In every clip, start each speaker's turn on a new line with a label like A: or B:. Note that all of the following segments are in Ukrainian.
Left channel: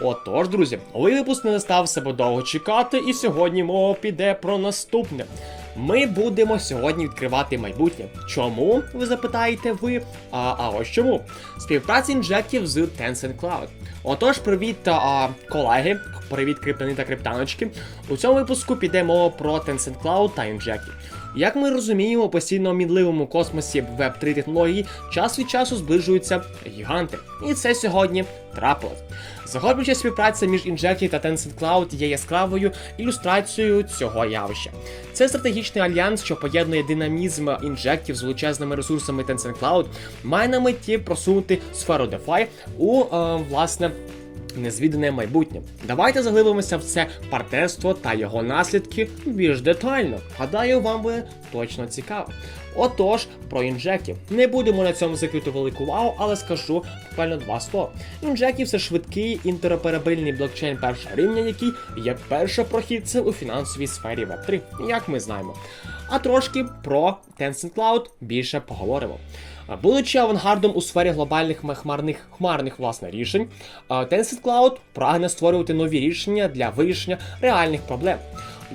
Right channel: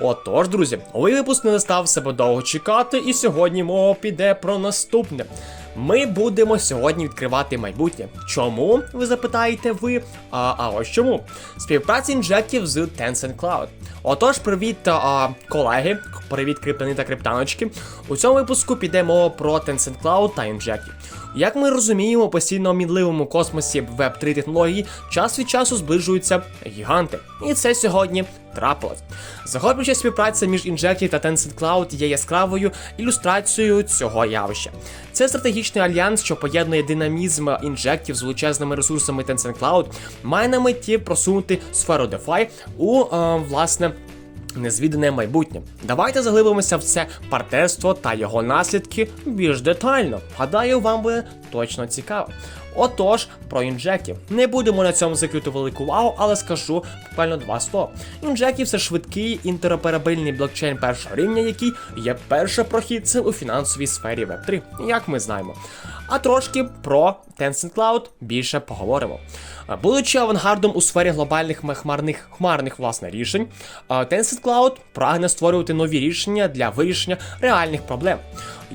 A: Отож, друзі, випуск не настав себе довго чекати, і сьогодні мова піде про наступне. Ми будемо сьогодні відкривати майбутнє. Чому? Ви запитаєте ви? А, а ось чому? Співпраця інжектів з Tencent Cloud. Отож, привіт, а, колеги, привіт, криптони та криптаночки. У цьому випуску піде мова про Tencent Cloud та інжектів. Як ми розуміємо, постійно мінливому космосі Web 3 технології час від часу зближуються гіганти. І це сьогодні трапилось. Захоплююча співпраця між Injective та Tencent Cloud є яскравою ілюстрацією цього явища. Це стратегічний альянс, що поєднує динамізм інжектів з величезними ресурсами Tencent Cloud, має на меті просунути сферу DeFi у е, власне. Незвідане майбутнє. Давайте заглибимося в це партнерство та його наслідки більш детально. Гадаю, вам буде точно цікаво. Отож, про інжеків. Не будемо на цьому закрити велику увагу, але скажу буквально два слова. Інжектів це швидкий інтероперабельний блокчейн першого рівня, який є першопрохідцем у фінансовій сфері Web3, як ми знаємо. А трошки про Tencent Cloud більше поговоримо. Будучи авангардом у сфері глобальних хмарних хмарних власне рішень, Tencent Cloud прагне створювати нові рішення для вирішення реальних проблем.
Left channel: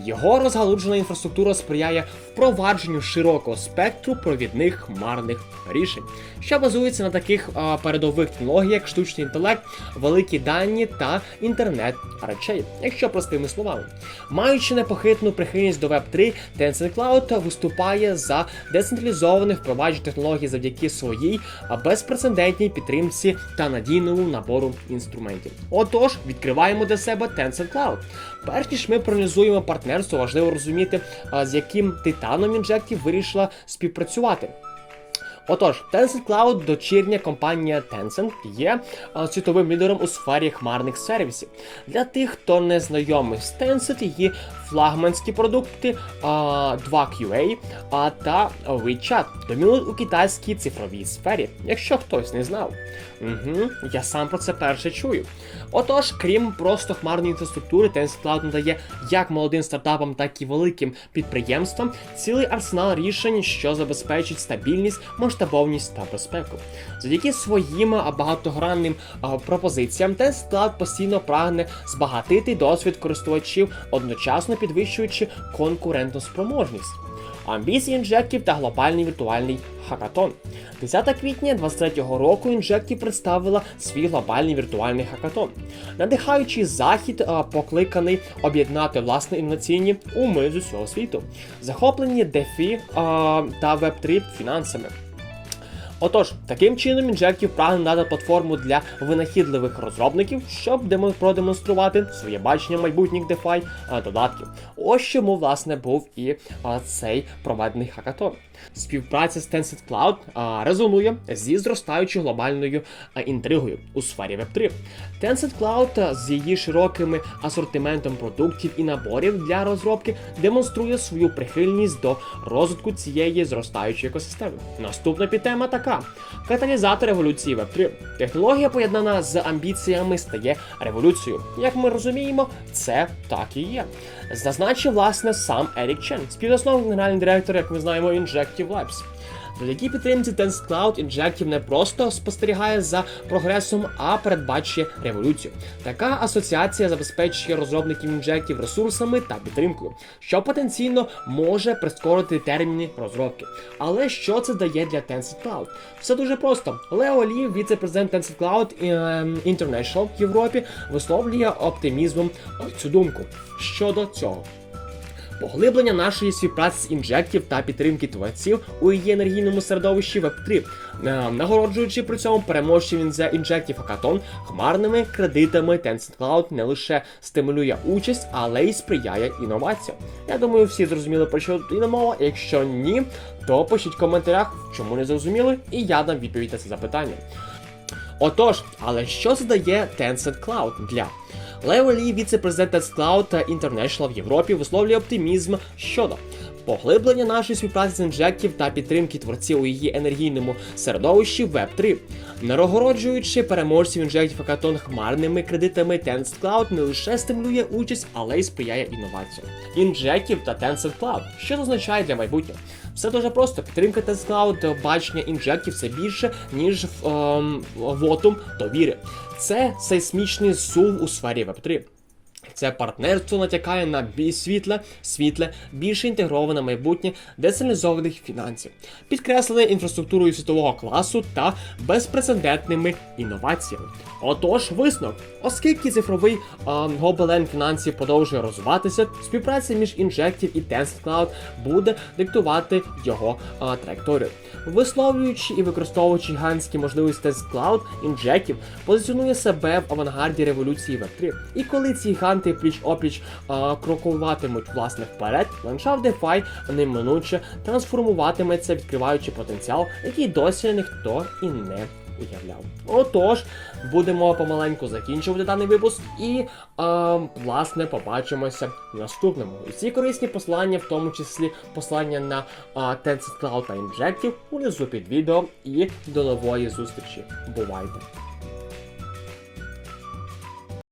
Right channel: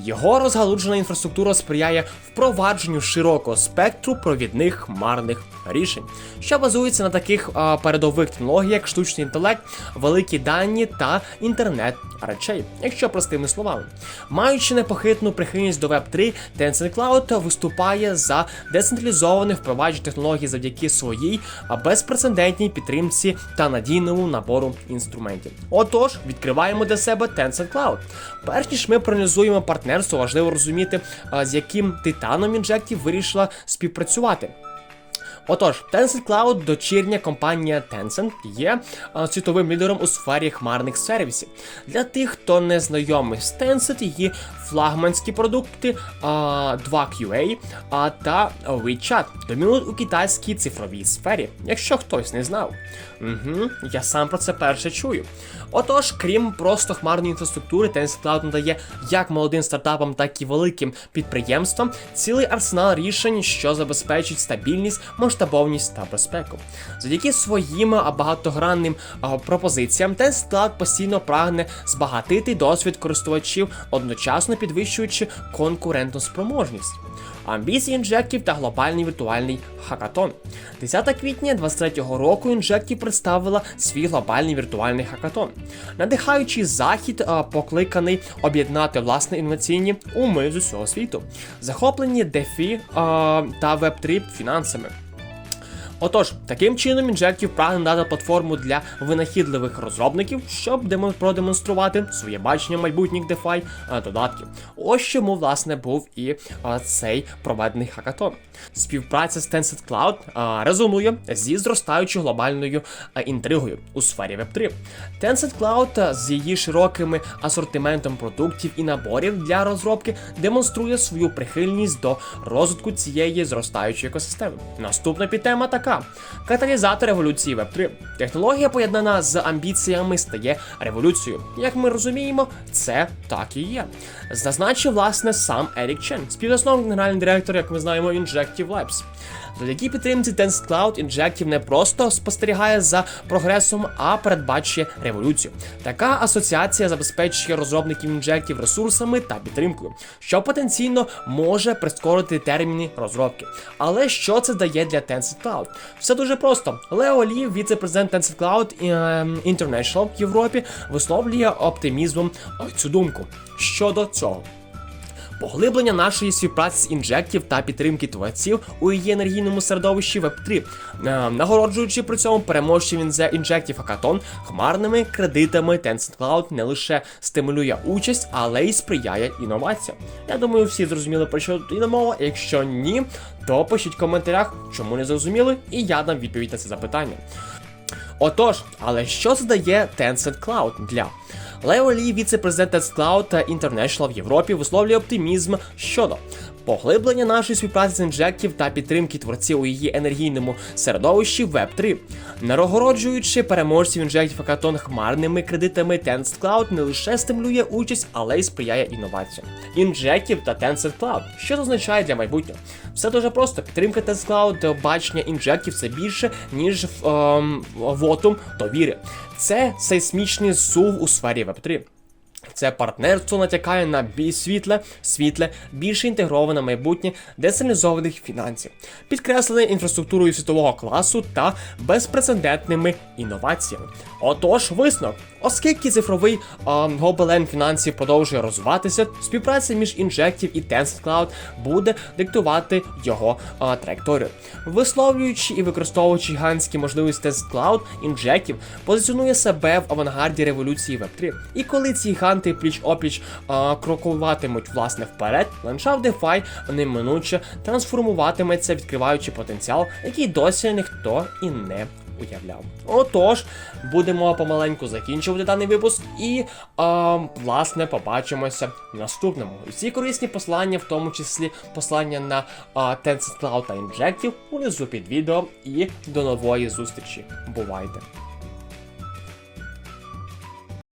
A: Його розгалуджена інфраструктура сприяє впровадженню широкого спектру провідних хмарних рішень, що базується на таких а, передових технологіях, як штучний інтелект, великі дані та інтернет речей, якщо простими словами. Маючи непохитну прихильність до Web3, Tencent Cloud виступає за децентралізоване впровадження технологій завдяки своїй безпрецедентній підтримці та надійному набору інструментів. Отож, відкриваємо для себе Tencent Cloud. Перш ніж ми проаналізуємо партнерство, важливо розуміти, з яким титаном інжектів вирішила співпрацювати. Отож, Tencent Cloud, дочірня компанія Tencent, є світовим лідером у сфері хмарних сервісів. Для тих, хто не знайомий з Tencent, її флагманські продукти а, 2QA а, та WeChat домінують у китайській цифровій сфері, якщо хтось не знав. Угу, я сам про це перше чую. Отож, крім просто хмарної інфраструктури, Tencent Cloud надає як молодим стартапам, так і великим підприємствам цілий арсенал рішень, що забезпечують стабільність, масштабовність та безпеку. Завдяки своїм багатогранним пропозиціям, Tencent Cloud постійно прагне збагатити досвід користувачів, одночасно підвищуючи конкурентну спроможність. Амбіції інжектів та глобальний віртуальний хакатон. 10 квітня 23-го року інжектів представила свій глобальний віртуальний хакатон. Надихаючий захід, покликаний об'єднати власне інноваційні уми з усього світу, захоплені DeFi та Web3 фінансами. Отож, таким чином інжектів прагне дати платформу для винахідливих розробників, щоб демо- продемонструвати своє бачення майбутніх DeFi додатків. Ось чому власне був і цей проведений хакатон. Співпраця з Tencent Cloud резонує зі зростаючою глобальною інтригою у сфері Web3. Tencent Cloud з її широким асортиментом продуктів і наборів для розробки демонструє свою прихильність до розвитку цієї зростаючої екосистеми. Наступна підтема така: каталізатор революції Web3. Технологія, поєднана з амбіціями, стає революцією. Як ми розуміємо, це так і є. Зазначив власне сам Ерік Чен, співзасновник генеральний директор, як ми знаємо, Injective Labs. Завдяки підтримці Tencent Cloud Injective не просто спостерігає за прогресом, а передбачує революцію. Така асоціація забезпечує розробників Injective ресурсами та підтримкою, що потенційно може прискорити терміни розробки. Але що це дає для Tencent Cloud? Все дуже просто. Лео Лі, віце-президент Tencent Cloud ем, International в Європі, висловлює оптимізмом е, цю думку. Щодо цього. Поглиблення нашої співпраці з інжектів та підтримки творців у її енергійному середовищі Web3, е, нагороджуючи при цьому переможців інжектів Hackathon хмарними кредитами Tencent Cloud не лише стимулює участь, але й сприяє інноваціям. Я думаю, всі зрозуміли про що тут йде мова. Якщо ні, то пишіть в коментарях, чому не зрозуміли, і я дам відповідь на це запитання. Отож, але що задає дає Tencent Cloud для? Лео Лі, віце-президент Tencent Cloud International в Європі, висловлює оптимізм щодо поглиблення нашої співпраці з інжектів та підтримки творців у її енергійному середовищі Web3. Нарогороджуючи переможців інжектів Хакатон хмарними кредитами, Tencent Cloud не лише стимулює участь, але й сприяє інноваціям. Інжектів та Tencent Cloud. Що це означає для майбутнього? Все дуже просто. Підтримка Tencent Cloud, бачення інжектів це більше, ніж ем, вотум довіри. Це сейсмічний зсув у сфері Web3. Це партнерство натякає на більш світле, світле, більше інтегроване майбутнє децентралізованих фінансів, підкреслене інфраструктурою світового класу та безпрецедентними інноваціями. Отож, висновок, оскільки цифровий гобелен фінансів продовжує розвиватися, співпраця між інжектів і Tencent Cloud буде диктувати його а, траєкторію. Висловлюючи і використовуючи гігантські можливості Tencent Cloud, інжектів позиціонує себе в авангарді революції Web3. І коли ці гіганти пліч опліч а, крокуватимуть власне вперед, ландшафт DeFi неминуче трансформуватиметься, відкриваючи потенціал, який досі ніхто і не уявляв. Отож, будемо помаленьку закінчувати даний випуск і а, власне побачимося в наступному. Усі корисні посилання, в тому числі посилання на а, Tencent Cloud та Injective, унизу під відео. І до нової зустрічі. Бувайте!